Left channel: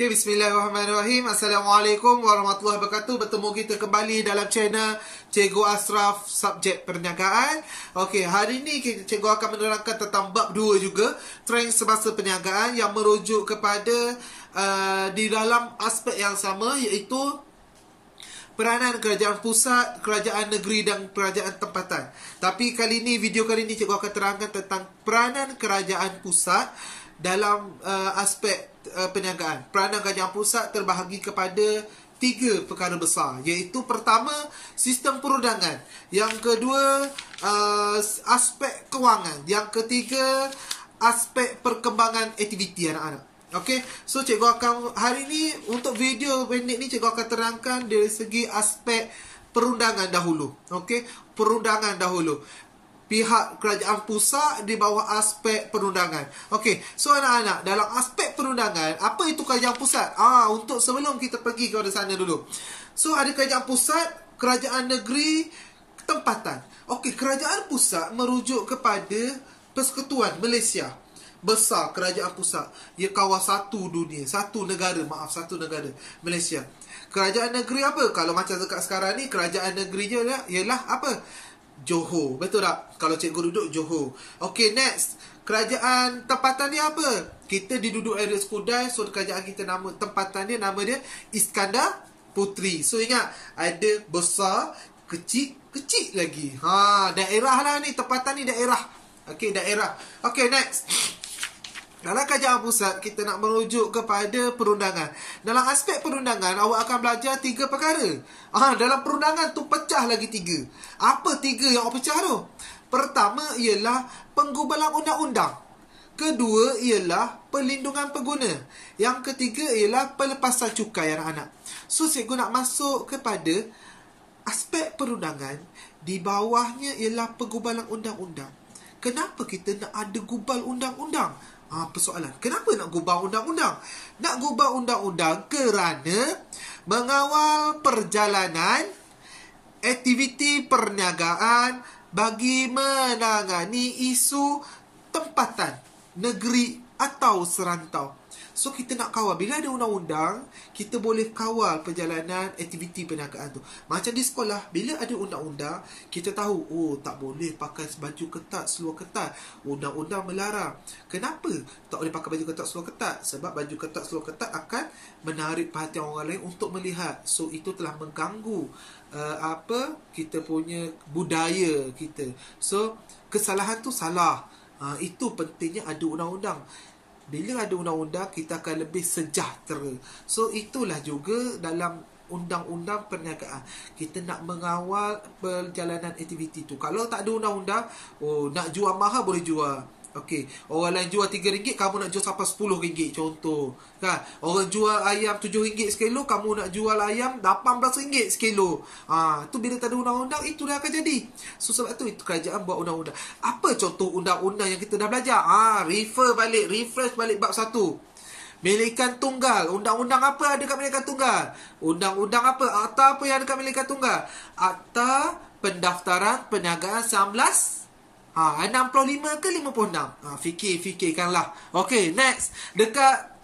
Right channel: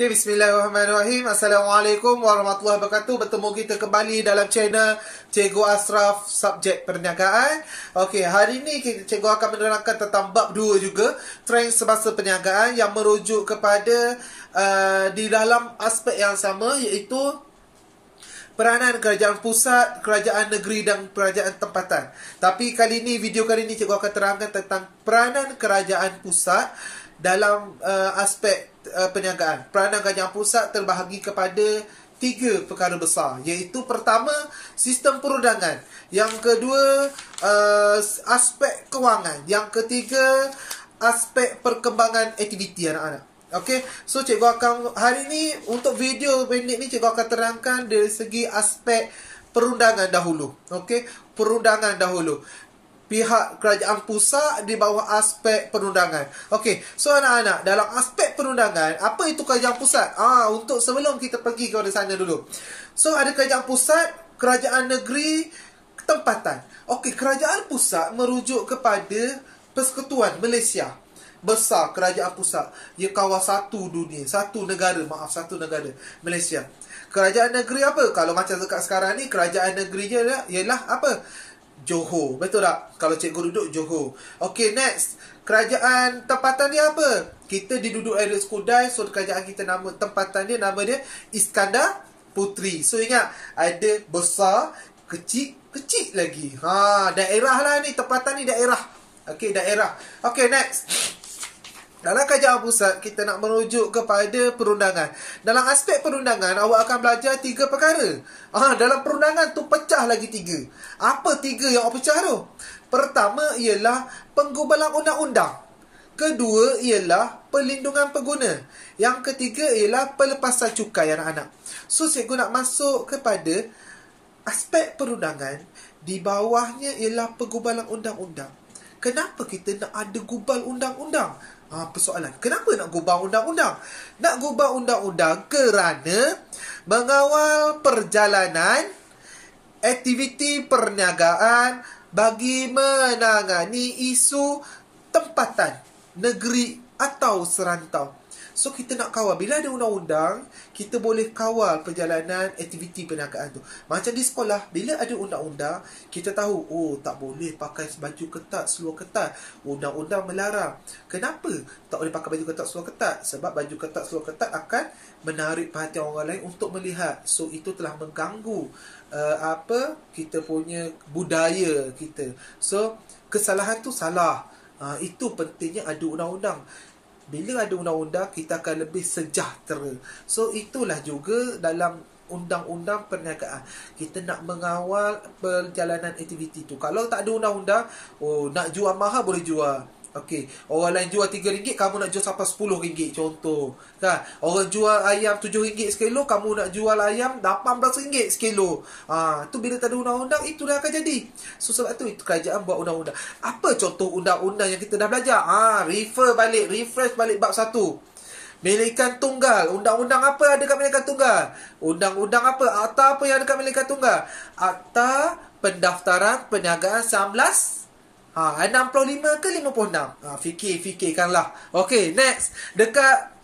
Okay, bismillahirrahmanirrahim. Assalamualaikum warahmatullahi wabarakatuh. Bertemu kita kembali dalam channel Cikgu Ashraf Subjek Perniagaan. Okay, hari ini Cikgu akan menerangkan tentang bab 2 juga, trend semasa perniagaan, yang merujuk kepada di dalam aspek yang sama, iaitu peranan kerajaan pusat, kerajaan negeri dan kerajaan tempatan. Tapi video kali ini Cikgu akan terangkan tentang peranan kerajaan pusat dalam aspek perniagaan. Peranan kerajaan pusat terbahagi kepada 3 perkara besar, iaitu pertama, sistem perundangan. Yang kedua, aspek kewangan. Yang ketiga, aspek perkembangan aktiviti anak-anak. Okey, so cikgu akan hari ni untuk video pendek ni cikgu akan terangkan dari segi aspek perundangan dahulu. Okey, perundangan dahulu. Pihak kerajaan pusat di bawah aspek perundangan. Okey, so anak-anak, dalam aspek perundangan, apa itu kerajaan pusat? Untuk sebelum kita pergi ke sana dulu. So ada kerajaan pusat, kerajaan negeri, tempatan. Okey, kerajaan pusat merujuk kepada Persekutuan Malaysia. Besar kerajaan pusat, ia kawal satu dunia, satu negara, Malaysia. Kerajaan negeri apa? Kalau macam dekat sekarang ni, kerajaan negerinya ialah apa? Johor, betul tak? Kalau cikgu duduk Johor. Okey, next, kerajaan tempatan dia apa? Kita diduduk area Skudai, so kerajaan kita tempatan dia, nama dia Iskandar Puteri. So ingat, ada besar, kecil lagi. Daerah lah ni, tempatan ni daerah. Okey, daerah. Okey, next. Dalam kerajaan pusat, kita nak merujuk kepada perundangan. Dalam aspek perundangan, awak akan belajar 3 perkara. Dalam perundangan tu pecah lagi 3. Apa 3 yang awak pecah tu? Pertama ialah penggubalan undang-undang. Kedua ialah perlindungan pengguna. Yang ketiga ialah pelepasan cukai anak-anak. So, cikgu nak masuk kepada aspek perundangan. Di bawahnya ialah penggubalan undang-undang. Kenapa kita nak ada gubal undang-undang? Persoalan, kenapa nak gubal undang-undang? Nak gubal undang-undang kerana mengawal perjalanan aktiviti perniagaan bagi menangani isu tempatan, negeri atau serantau. So, kita nak kawal. Bila ada undang-undang, kita boleh kawal perjalanan aktiviti perniagaan tu. Macam di sekolah, bila ada undang-undang, kita tahu, tak boleh pakai baju ketat, seluar ketat. Undang-undang melarang. Kenapa tak boleh pakai baju ketat, seluar ketat? Sebab baju ketat, seluar ketat akan menarik perhatian orang lain untuk melihat. So, itu telah mengganggu kita punya budaya kita. So, kesalahan tu salah. Itu pentingnya ada undang-undang. Bila ada undang-undang, kita akan lebih sejahtera. So, itulah juga dalam undang-undang perniagaan. Kita nak mengawal perjalanan aktiviti tu. Kalau tak ada undang-undang, nak jual mahal boleh jual. Okey, orang lain jual RM3, kamu nak jual sampai RM10, contoh. Kan? Orang jual ayam RM7 sekilo, kamu nak jual ayam RM18 sekilo. Tu bila tak ada undang-undang, itulah akan jadi. So, sebab tu kerajaan buat undang-undang. Apa contoh undang-undang yang kita dah belajar? Refresh balik bab 1. Milikan tunggal. Undang-undang apa ada kat milikan tunggal? Undang-undang apa? Akta apa yang ada kat milikan tunggal? Akta Pendaftaran Perniagaan 65 ke 56? Fikirkanlah. Okey, next. Dekat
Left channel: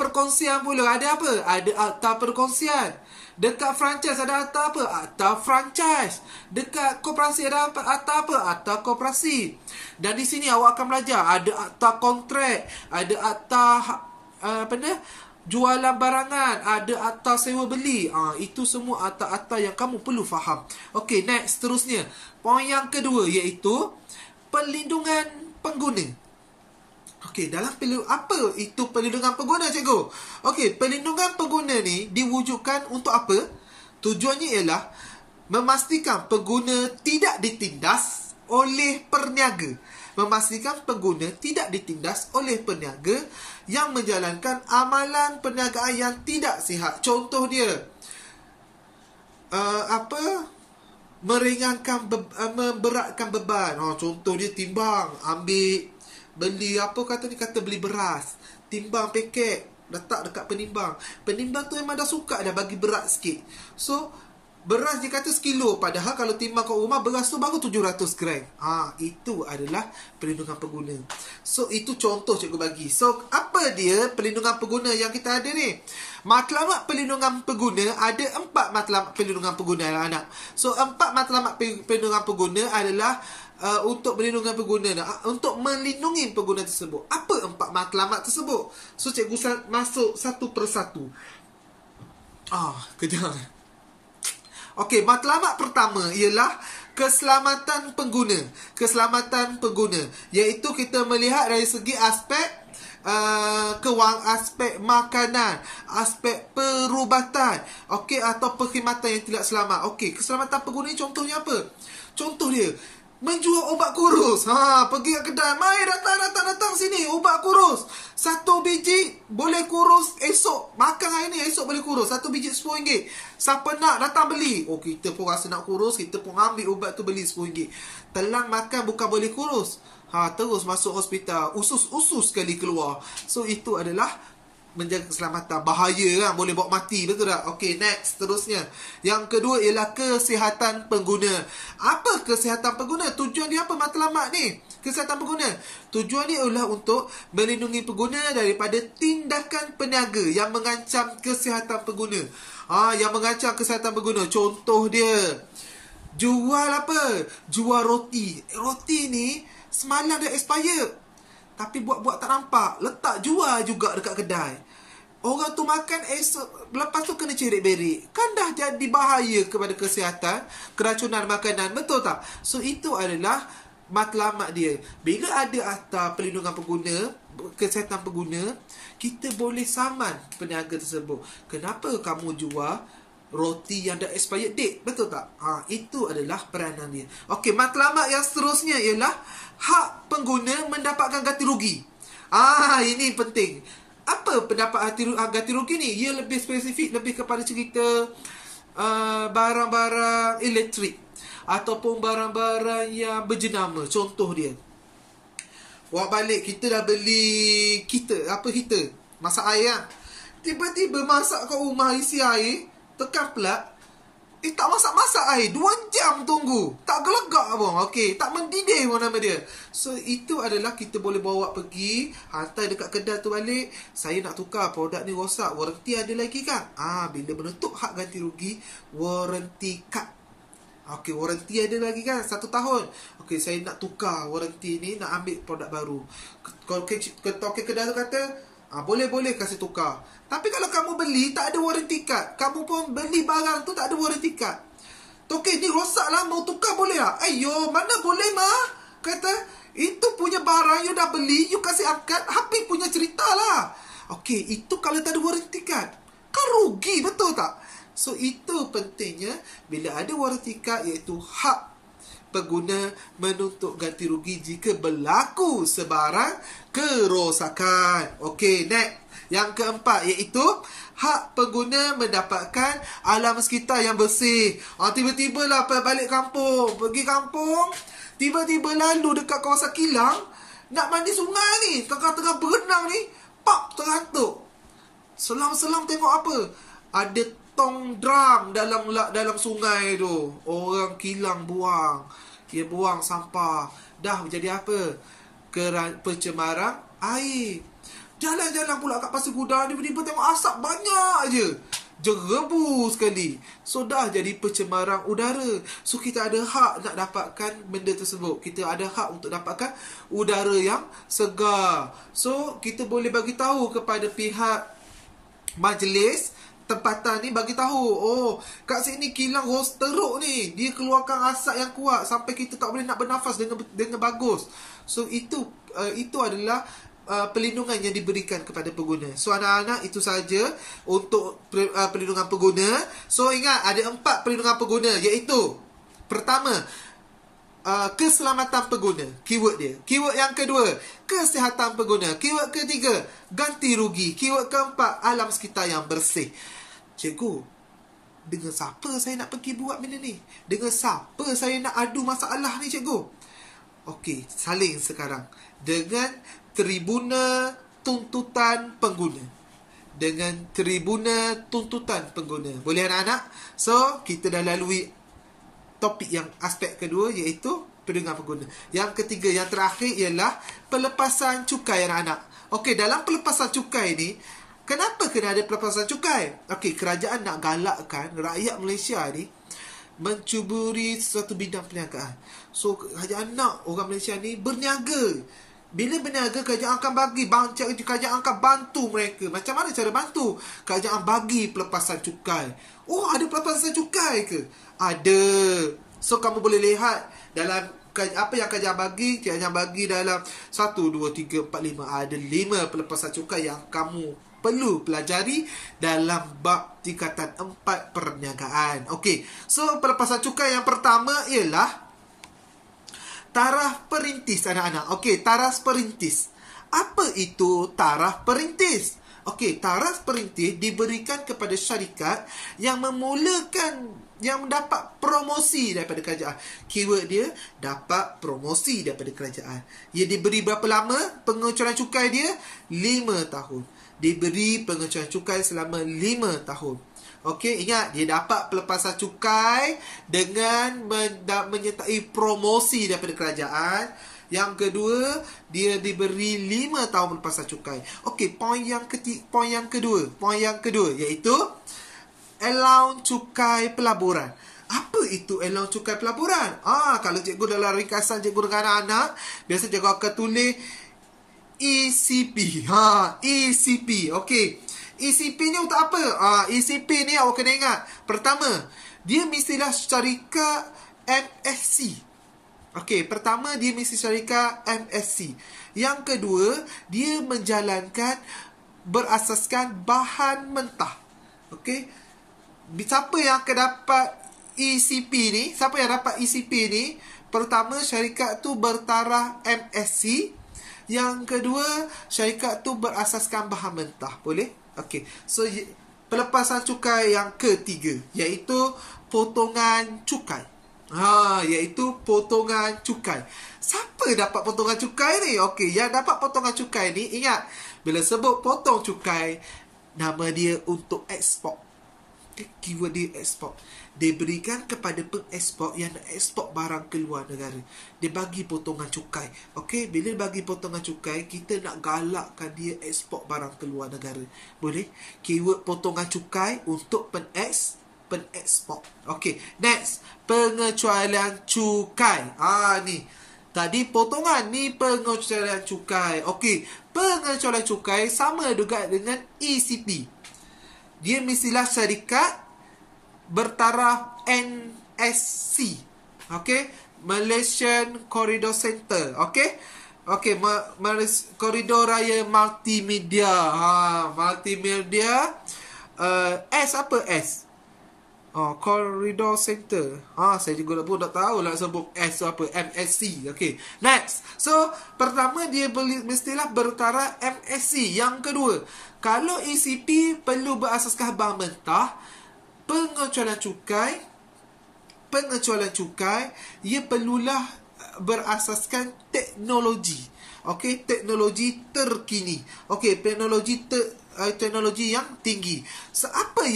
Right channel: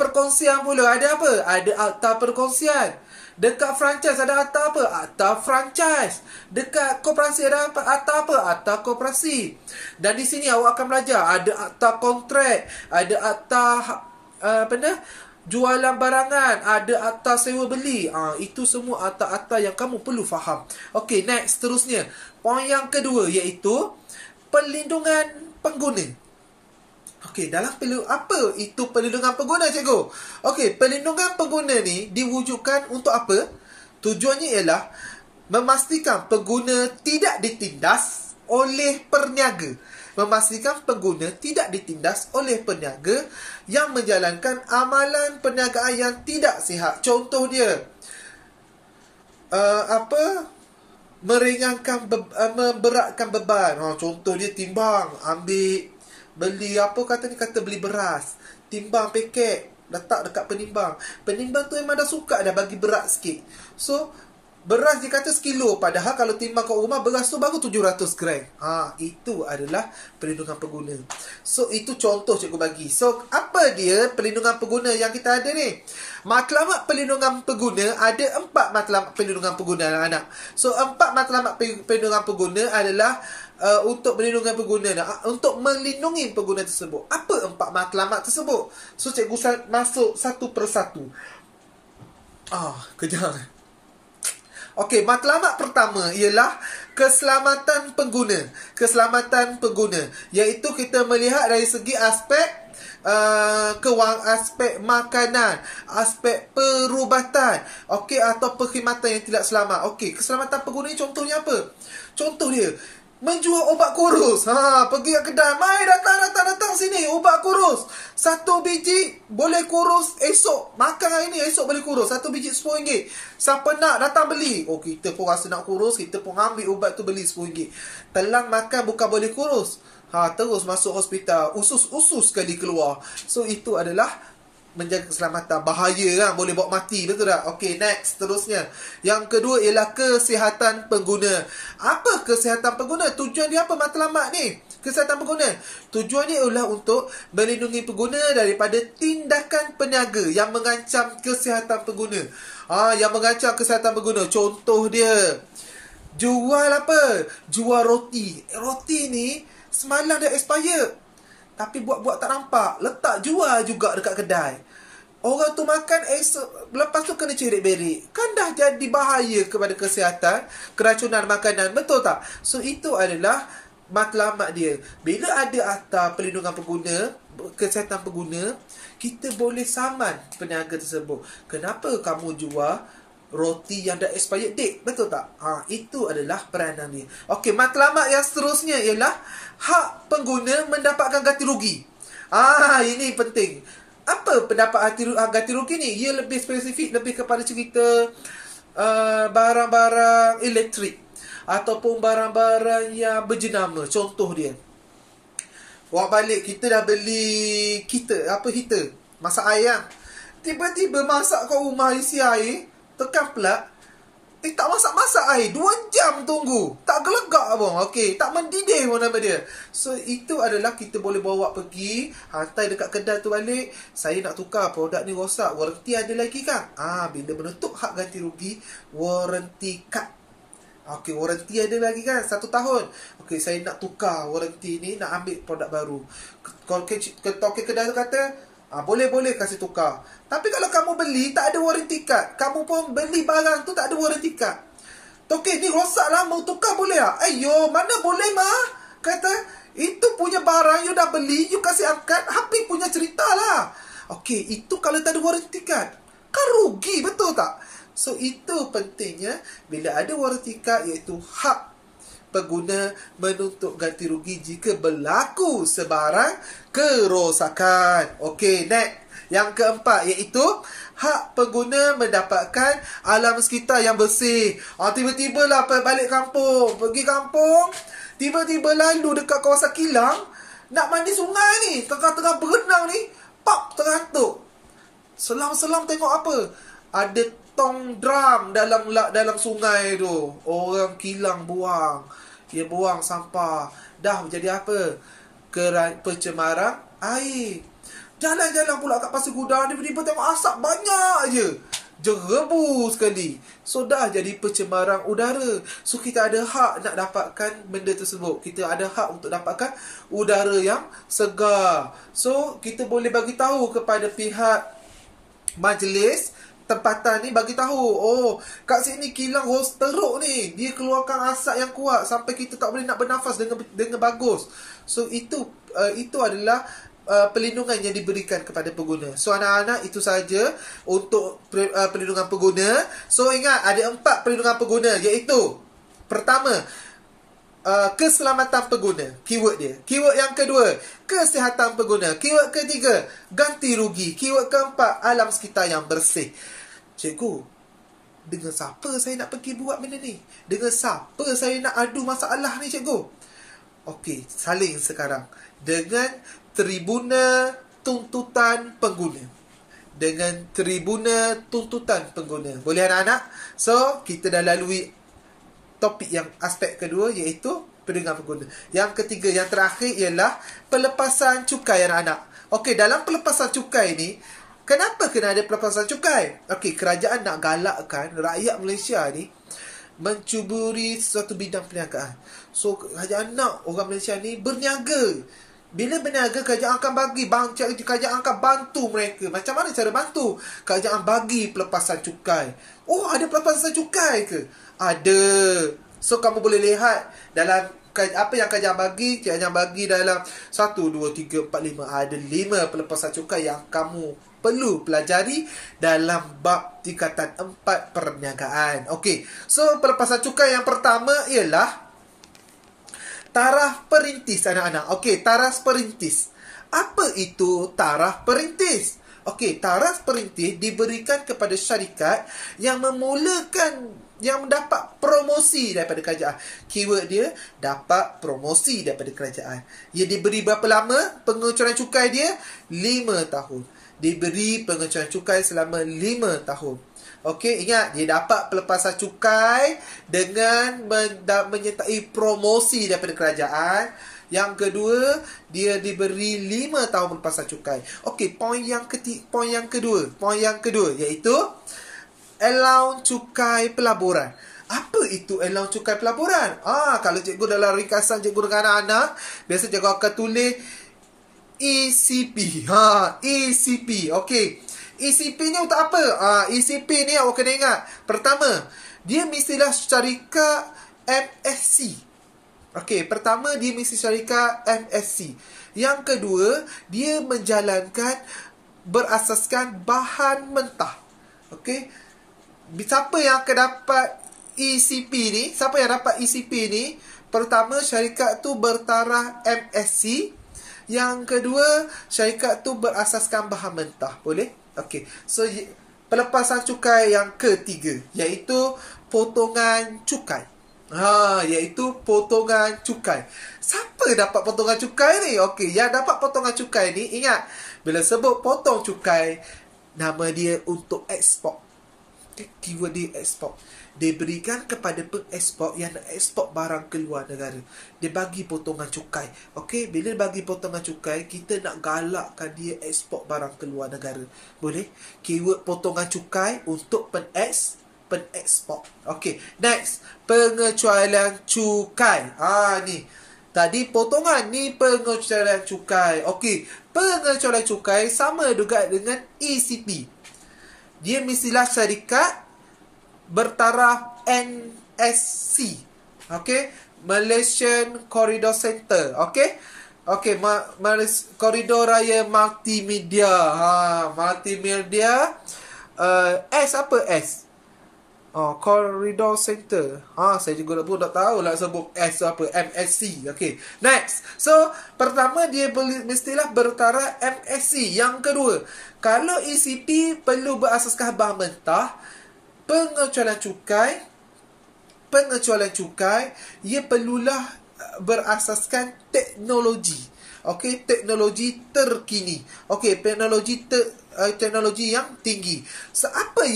perkongsian pula ada apa? Ada akta perkongsian. Dekat franchise ada akta apa? Akta franchise. Dekat koperasi ada apa? Akta apa? Akta koperasi. Dan di sini awak akan belajar ada akta kontrak, ada akta jualan barangan, ada akta sewa beli. Itu semua akta-akta yang kamu perlu faham. Okey, next, seterusnya. Poin yang kedua iaitu perlindungan pengguna. Okey, apa itu perlindungan pengguna, cikgu? Okey, perlindungan pengguna ni diwujudkan untuk apa? Tujuannya ialah memastikan pengguna tidak ditindas oleh perniaga. Memastikan pengguna tidak ditindas oleh peniaga yang menjalankan amalan perniagaan yang tidak sihat. Contoh dia, meringankan memberatkan beban. Contoh dia timbang, beli kata beli beras, timbang paket, letak dekat penimbang. Penimbang tu memang dah suka dah bagi berat sikit. So, Beras dia kata sekilo, padahal kalau timbang kat rumah beras tu baru 700 gram. Itu adalah perlindungan pengguna. So itu contoh cikgu bagi. So apa dia perlindungan pengguna yang kita ada ni? Matlamat perlindungan pengguna, ada 4 matlamat perlindungan pengguna anak. So 4 matlamat perlindungan pengguna adalah untuk melindungi pengguna, untuk melindungi pengguna tersebut. Apa 4 matlamat tersebut? So cikgu masuk satu persatu. Kejap. Okey, matlamat pertama ialah keselamatan pengguna. Keselamatan pengguna, iaitu kita melihat dari segi aspek aspek makanan, aspek perubatan, okey, atau perkhidmatan yang tidak selamat. Okey, keselamatan pengguna ni contohnya apa? Contoh dia menjual ubat kurus. Pergi ke kedai, mai datang sini, ubat kurus. 1 biji boleh kurus esok. Makan hari ni, esok boleh kurus. 1 biji RM10. Siapa nak datang beli. Kita pun rasa nak kurus, kita pun ambil ubat tu beli RM10. Telan makan bukan boleh kurus. Terus masuk hospital, usus-usus sekali keluar. So itu adalah menjaga keselamatan. Bahaya kan, boleh bawa mati, betul tak? Okey, next, terusnya. Yang kedua ialah kesihatan pengguna. Apa kesihatan pengguna? Tujuan dia apa matlamat ni? Kesihatan pengguna, tujuan dia ialah untuk melindungi pengguna daripada tindakan peniaga yang mengancam kesihatan pengguna. Yang mengancam kesihatan pengguna. Contoh dia, jual apa? Jual roti. Roti ni semalam dah expired, tapi buat-buat tak nampak, letak jual juga dekat kedai. Orang tu makan esok, lepas tu kena cerik-berik. Kan dah jadi bahaya kepada kesihatan, keracunan makanan, betul tak? So itu adalah matlamat dia. Bila ada akta perlindungan pengguna, kesihatan pengguna, kita boleh saman peniaga tersebut. Kenapa kamu jual roti yang dah expired date, betul tak? Itu adalah peranan dia. Okey, matlamat yang seterusnya ialah hak pengguna mendapatkan ganti rugi. Ini penting. Apa pendapat ganti rugi ni? Ia lebih spesifik, lebih kepada cerita barang-barang elektrik ataupun barang-barang yang berjenama. Contoh dia, awak balik, kita dah beli heater masak air kan? Tiba-tiba masak kat rumah, isi air, tekan plug, tak masak-masak air, 2 jam tunggu, tak gelegak pun. Okey, tak mendidih pun nama dia. So itu adalah kita boleh bawa pergi, hantar dekat kedai tu balik. Saya nak tukar, produk ni rosak, warranty ada lagi kan? Bila menutup hak ganti rugi, warranty kad. Okey, warranty ada lagi kan, 1 tahun. Okey, saya nak tukar warranty ni, nak ambil produk baru. Kalau kedai tu kata, boleh kasih tukar. Tapi kalau kamu beli tak ada warranty card, kamu pun beli barang tu tak ada warranty card, okey, ni rosak lah, mau tukar boleh tak? Ayo, mana boleh mah? Kata, itu punya barang you dah beli, you kasih angkat, habis punya cerita lah. Okey, itu kalau tak ada warranty card, kan rugi, betul tak? So itu pentingnya bila ada warranty card, iaitu hak pengguna menuntut ganti rugi jika berlaku sebarang kerosakan. Okey, next. Yang keempat iaitu hak pengguna mendapatkan alam sekitar yang bersih. Tiba-tiba lah balik kampung, pergi kampung, tiba-tiba lalu dekat kawasan kilang, nak mandi sungai ni, tengah-tengah berenang ni, terhantuk. Selam-selam tengok apa? Ada tong drum dalam sungai tu. Orang kilang buang. Dia buang sampah. Dah jadi apa? Pencemaran air. Jalan-jalan pula kat Pasir Gudang, tiba-tiba tengok asap banyak je. Jerebu sekali. So dah jadi pencemaran udara. So kita ada hak nak dapatkan benda tersebut. Kita ada hak untuk dapatkan udara yang segar. So kita boleh bagi tahu kepada pihak majlis tempatan ni, bagi tahu, kat sini kilang teruk ni, dia keluarkan asap yang kuat sampai kita tak boleh nak bernafas dengan bagus. So itu adalah perlindungan yang diberikan kepada pengguna. So anak-anak, itu saja untuk perlindungan pengguna. So ingat, ada 4 perlindungan pengguna, iaitu pertama, keselamatan pengguna, keyword dia. Keyword yang kedua, kesihatan pengguna. Keyword ketiga, ganti rugi. Keyword keempat, alam sekitar yang bersih. Cikgu, dengan siapa saya nak pergi buat benda ni? Dengan siapa saya nak adu masalah ni, cikgu? Okey, saling sekarang dengan Tribunal Tuntutan Pengguna. dengan tribunal tuntutan pengguna. Boleh anak-anak? So, kita dah lalui topik yang aspek kedua, iaitu perlindungan pengguna. Yang ketiga, yang terakhir ialah pelepasan cukai anak-anak. Okey, dalam pelepasan cukai ni, kenapa kena ada pelepasan cukai? Okey, kerajaan nak galakkan rakyat Malaysia ni mencuburi sesuatu bidang perniagaan. So, kerajaan nak orang Malaysia ni berniaga. Bila berniaga, kerajaan akan kerajaan akan bantu mereka. Macam mana cara bantu? Kerajaan bagi pelepasan cukai. Oh, ada pelepasan cukai ke? Ada. So, kamu boleh lihat dalam apa yang kerajaan bagi. Kerajaan bagi dalam 1, 2, 3, 4, 5. Ada 5 pelepasan cukai yang kamu perlu pelajari dalam bab tingkatan 4 perniagaan. Okey. So, pelepasan cukai yang pertama ialah taraf perintis anak-anak. Okey, taraf perintis. Apa itu taraf perintis? Okey, taraf perintis diberikan kepada syarikat yang mendapat promosi daripada kerajaan. Keyword dia, dapat promosi daripada kerajaan. Ia diberi berapa lama pengecualian cukai dia? 5 tahun. Diberi pengecualian cukai selama 5 tahun. Okey, ingat, dia dapat pelepasan cukai dengan menyertai promosi daripada kerajaan. Yang kedua, dia diberi 5 tahun pelepasan cukai. Okey, poin yang kedua iaitu allowance cukai pelaburan. Apa itu allowance cukai pelaburan? Kalau cikgu dalam ringkasan cikgu dengan anak-anak, biasa cikgu akan tulis ECP. ECP. Okey. ECP ni untuk apa? ECP ni awak kena ingat. Pertama, dia mestilah syarikat MSC. Okey, pertama dia mesti syarikat MSC. Yang kedua, dia menjalankan berasaskan bahan mentah. Okey. Siapa yang akan dapat ECP ni? Siapa yang dapat ECP ni? Pertama, syarikat tu bertaraf MSC. Yang kedua, syarikat tu berasaskan bahan mentah. Boleh? Okey, so pelepasan cukai yang ketiga iaitu potongan cukai. Iaitu potongan cukai. Siapa dapat potongan cukai ni? Okey, yang dapat potongan cukai ni, ingat, bila sebut potong cukai, nama dia untuk ekspor. Keyword dia ekspor. Dia berikan kepada pengekspor yang nak ekspor barang keluar negara. Dia bagi potongan cukai. Okey, bila bagi potongan cukai, kita nak galakkan dia ekspor barang keluar negara. Boleh? Keyword potongan cukai untuk pengekspor. Okey, next, pengecualian cukai. Ni. Tadi potongan, ni pengecualian cukai. Okey, pengecualian cukai sama juga dengan ECP. Dia mestilah syarikat bertaraf NSC. Okey, Malaysian Corridor Center. Okey, Koridor Raya Multimedia. Multimedia. S apa S? Corridor Center. Saya juga pun tak tahu lah sebut S apa. MSC. Okey, next. So, pertama dia mestilah bertaraf MSC. Yang kedua, kalau ECP perlu berasaskan bahan mentah, pengecualian cukai ia perlulah berasaskan teknologi. Okey, teknologi terkini. Okey, teknologi yang tinggi. So, apa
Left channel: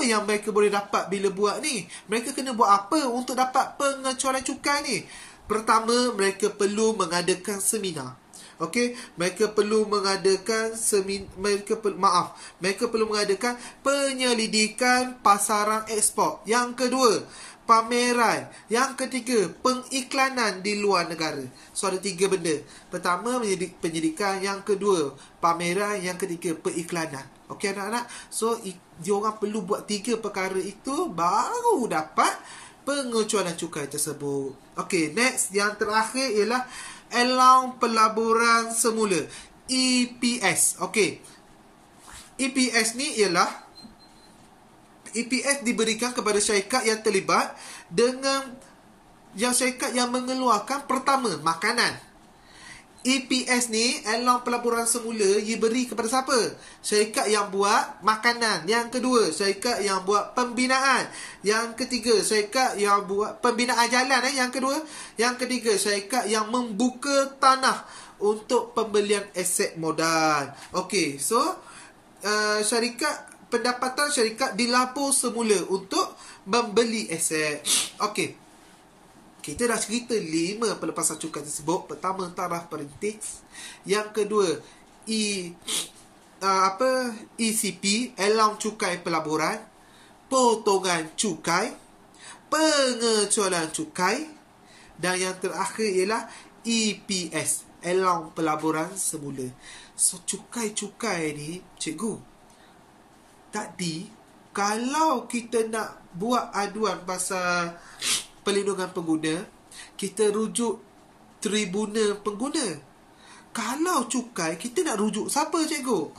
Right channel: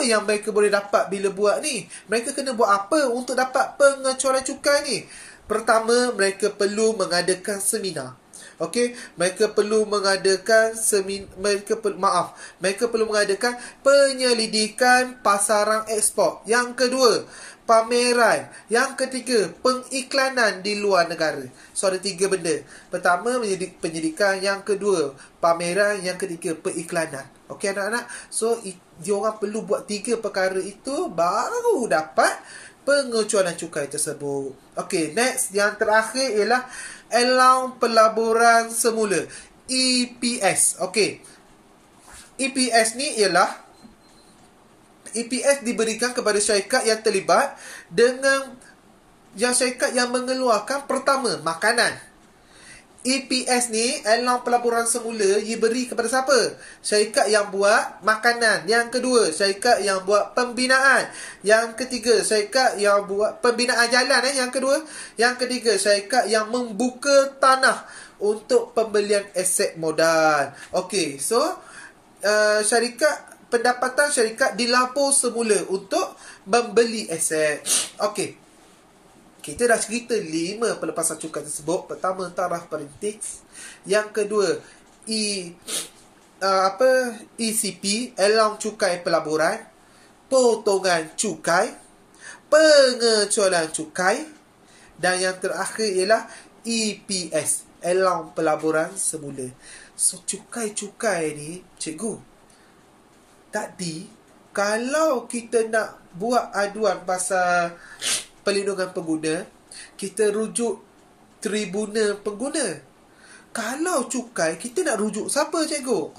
yang mereka boleh dapat bila buat ni? Mereka kena buat apa untuk dapat pengecualian cukai ni? Pertama, mereka perlu mengadakan seminar. Okey, mereka perlu mengadakan penyelidikan pasaran ekspor. Yang kedua, pameran. Yang ketiga, pengiklanan di luar negara. So, ada 3 benda. Pertama, penyelidikan. Yang kedua, pameran. Yang ketiga, pengiklanan. Okey, anak-anak. So, diorang perlu buat 3 perkara itu baru dapat pengecualian cukai tersebut. Okey, next. Yang terakhir ialah allowance pelaburan semula. EPS. Okey. EPS ni ialah EPS diberikan kepada syarikat yang terlibat dengan syarikat yang mengeluarkan pertama makanan. EPS ni, allowance pelaburan semula, ia beri kepada siapa? Syarikat yang buat makanan. Yang kedua, syarikat yang buat pembinaan. Yang ketiga, syarikat yang buat pembinaan jalan. Yang kedua. Yang ketiga, syarikat yang membuka tanah untuk pembelian aset modal. Okey, so syarikat, pendapatan syarikat dilapor semula untuk membeli aset. Okey. Kita dah cerita 5 pelepasan cukai tersebut. Pertama, taraf perintis. Yang kedua, ECP, allowance cukai pelaburan, potongan cukai, pengecualian cukai, dan yang terakhir ialah EPS, allowance pelaburan semula. So, cukai-cukai ni, cikgu, tadi kalau kita nak buat aduan pasal perlindungan pengguna, kita rujuk tribunal pengguna. Kalau cukai, kita nak rujuk siapa, cikgu?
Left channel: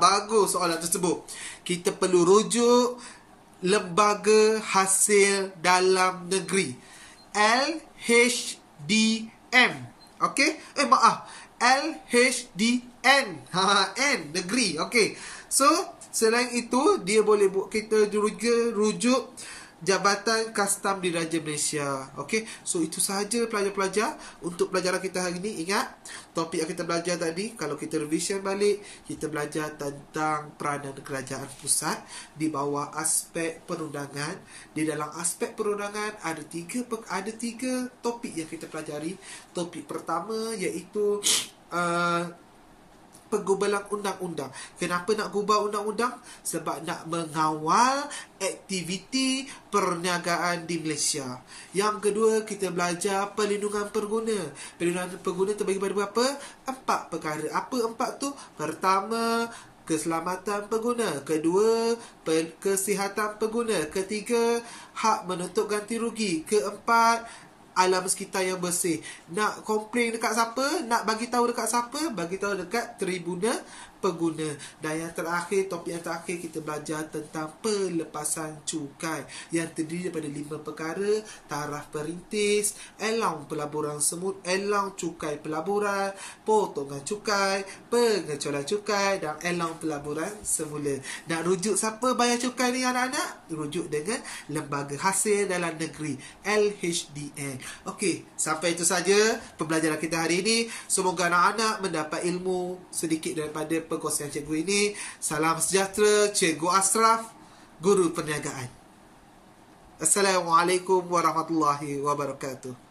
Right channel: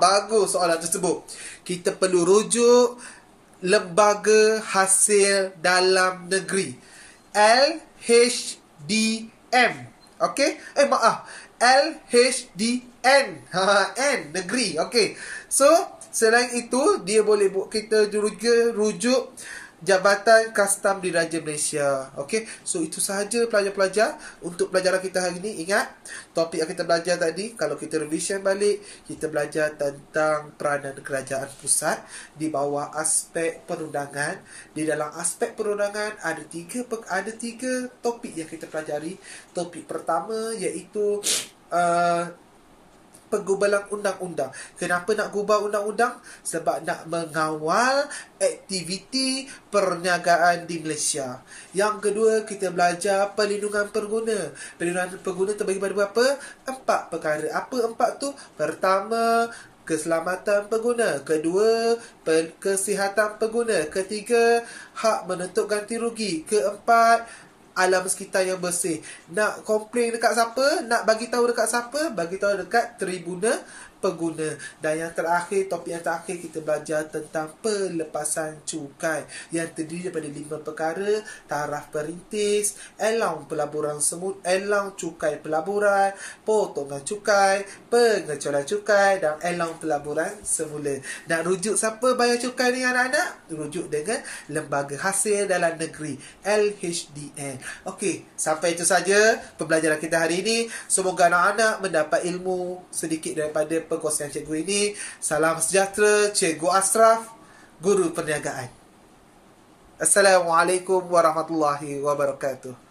Bagus soalan tersebut. Kita perlu rujuk Lembaga Hasil Dalam Negeri, LHDM. Okey? LHDN. N, negeri. Okey. So, selain itu, dia boleh kita juga rujuk Jabatan Kastam Diraja Malaysia. Okey, so itu sahaja pelajar-pelajar untuk pelajaran kita hari ini. Ingat, topik yang kita belajar tadi, kalau kita revision balik, kita belajar tentang peranan kerajaan pusat di bawah aspek perundangan. Di dalam aspek perundangan ada tiga topik yang kita pelajari. Topik pertama iaitu penggubalan undang-undang. Kenapa nak gubal undang-undang? Sebab nak mengawal aktiviti perniagaan di Malaysia. Yang kedua, kita belajar perlindungan pengguna. Perlindungan pengguna terbagi pada berapa? 4 perkara. Apa 4 tu? Pertama, keselamatan pengguna. Kedua, kesihatan pengguna. Ketiga, hak menuntut ganti rugi. Keempat, alam sekitar yang bersih. Nak komplain dekat siapa? Nak bagi tahu dekat siapa? Bagi tahu dekat tribunal pengguna. Dan yang terakhir, topik yang terakhir, kita belajar tentang pelepasan cukai yang terdiri daripada 5 perkara: taraf perintis, allowance pelaburan semula, allowance cukai pelaburan, potongan cukai, pengecualian cukai, dan allowance pelaburan semula. Nak rujuk siapa bayar cukai ni, anak-anak? Rujuk dengan Lembaga Hasil Dalam Negeri, LHDN. Okey, sampai itu saja pembelajaran kita hari ini. Semoga anak-anak mendapat ilmu sedikit daripada perkongsian cikgu ini. Salam sejahtera, Cikgu Ashraf, Guru Perniagaan. Assalamualaikum warahmatullahi wabarakatuh.